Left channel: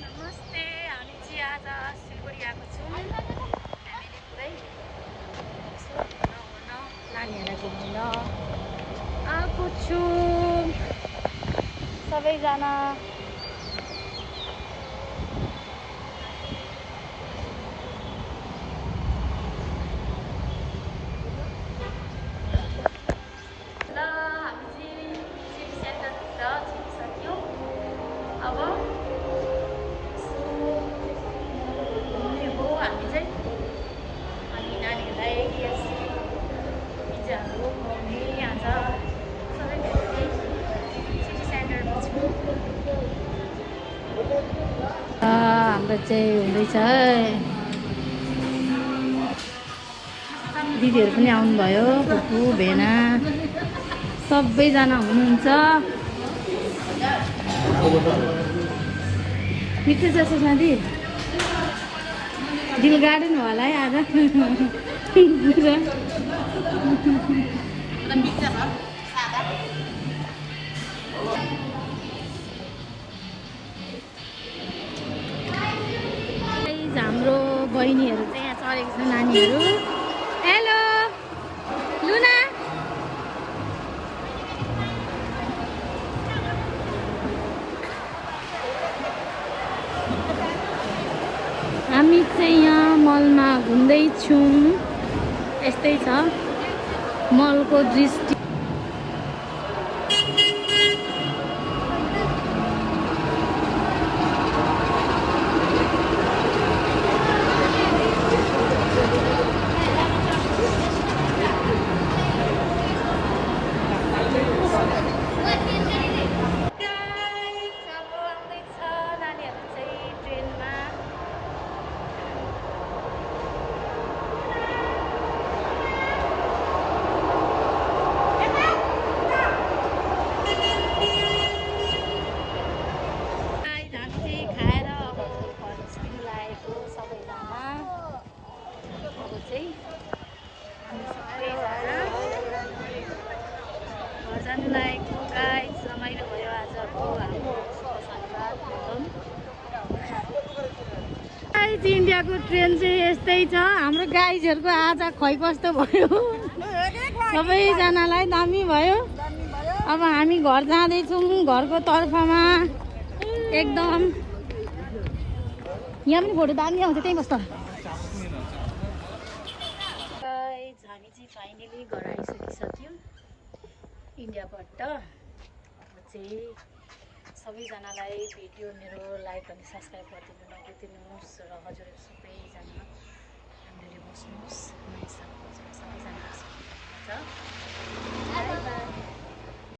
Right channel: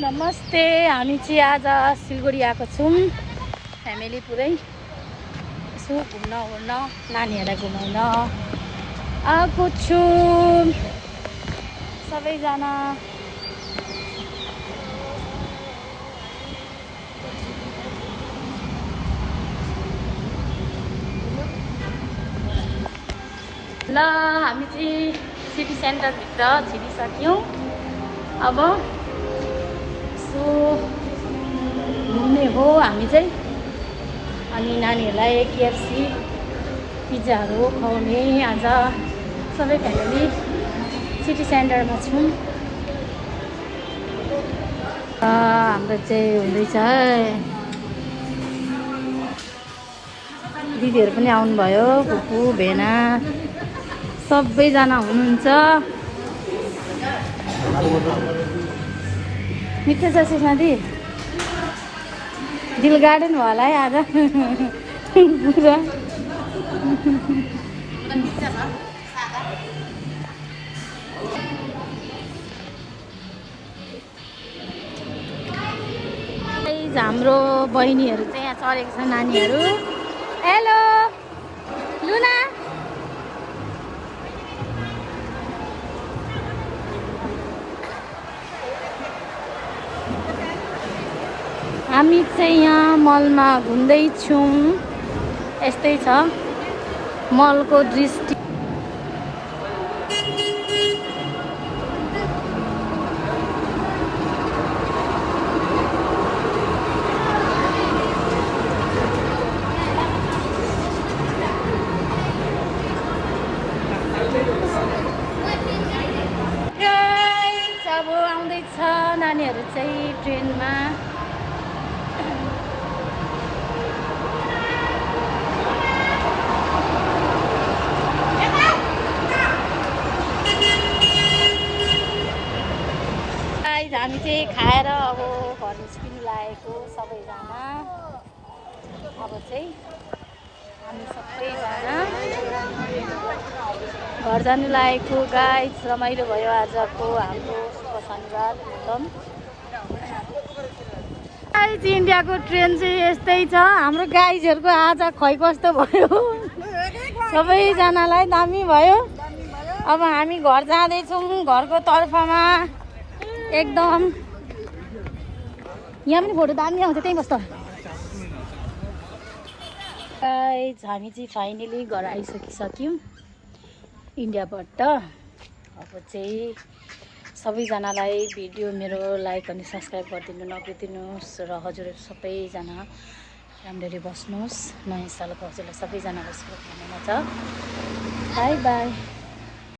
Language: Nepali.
नमस्ते। हामी चाहिँ आज सिलगढी आएको छौँ फ्यामिली पुरै। यसो घुम्न ओर्न नानीहरूलाई घुमाउन आएको छु सबैजना। ल हामी चाहिँ सिटी सेन्टरभित्र छिरिसक्यौँ। अब सो घुम्ने हो हामी चाहिँ। अनि नानीहरूलाई केएफसी पिज्जाहरू खुवाउने आज सबै फ्यामिली सिटी सेन्टरमा छौँ। हाम्रो चाहिँ हुँदैछ दिदीहरू पनि आउनुभयो, फुपू भेना सबैजना हुनुहुन्छ। मिठो छ सुषमा दी, दिल गार्डन होला है आज पुरा। हाम्रो बहिनीहरू चाहिँ यहाँ चढेको छ, नानीहरू। हेलो लुना, हामी चाहिँ यहाँ मलमा घुम्दैछौँ। यस्तै छ मलको दृष्टि। अब आउँदैछ नानीहरू चाहिँ ट्रेनमा। हामी चाहिँ खाएर अब घर निस्किनु लागेको सबैजना। अब चाहिँ हामी सबैजना घर जानु लागेको। गाइज रमाइलो भयो आजको हाम्रो शुभ शनिबार एकदम। गाइज इन्डियाको ट्रेन चाहिँ यस्तै छ। हाम्रो गाइजहरूको आज खै कस्तो भयो सबैजनालाई दामी भयो। अब हामी घर जाँदैछौँ। घरको तर्फमा एकदम यहाँ पनि फोटो दामी आउँछ, त्यहीँ बस्छ। गाइज हामी चाहिँ फाइनली घर आइसकिसक्यौँ इन्डियाबाट। अब चाहिँ सबैजनालाई भिडियो मेरो लाइक अनि सब्सक्राइब गरिदिनु नबिर्सिनुहोस्। र हजुरहरू सबैजना राम्ररी बस्नुहोस्। नयाँ सालको हजुरलाई सबैजनालाई शुभकामना छ। By by.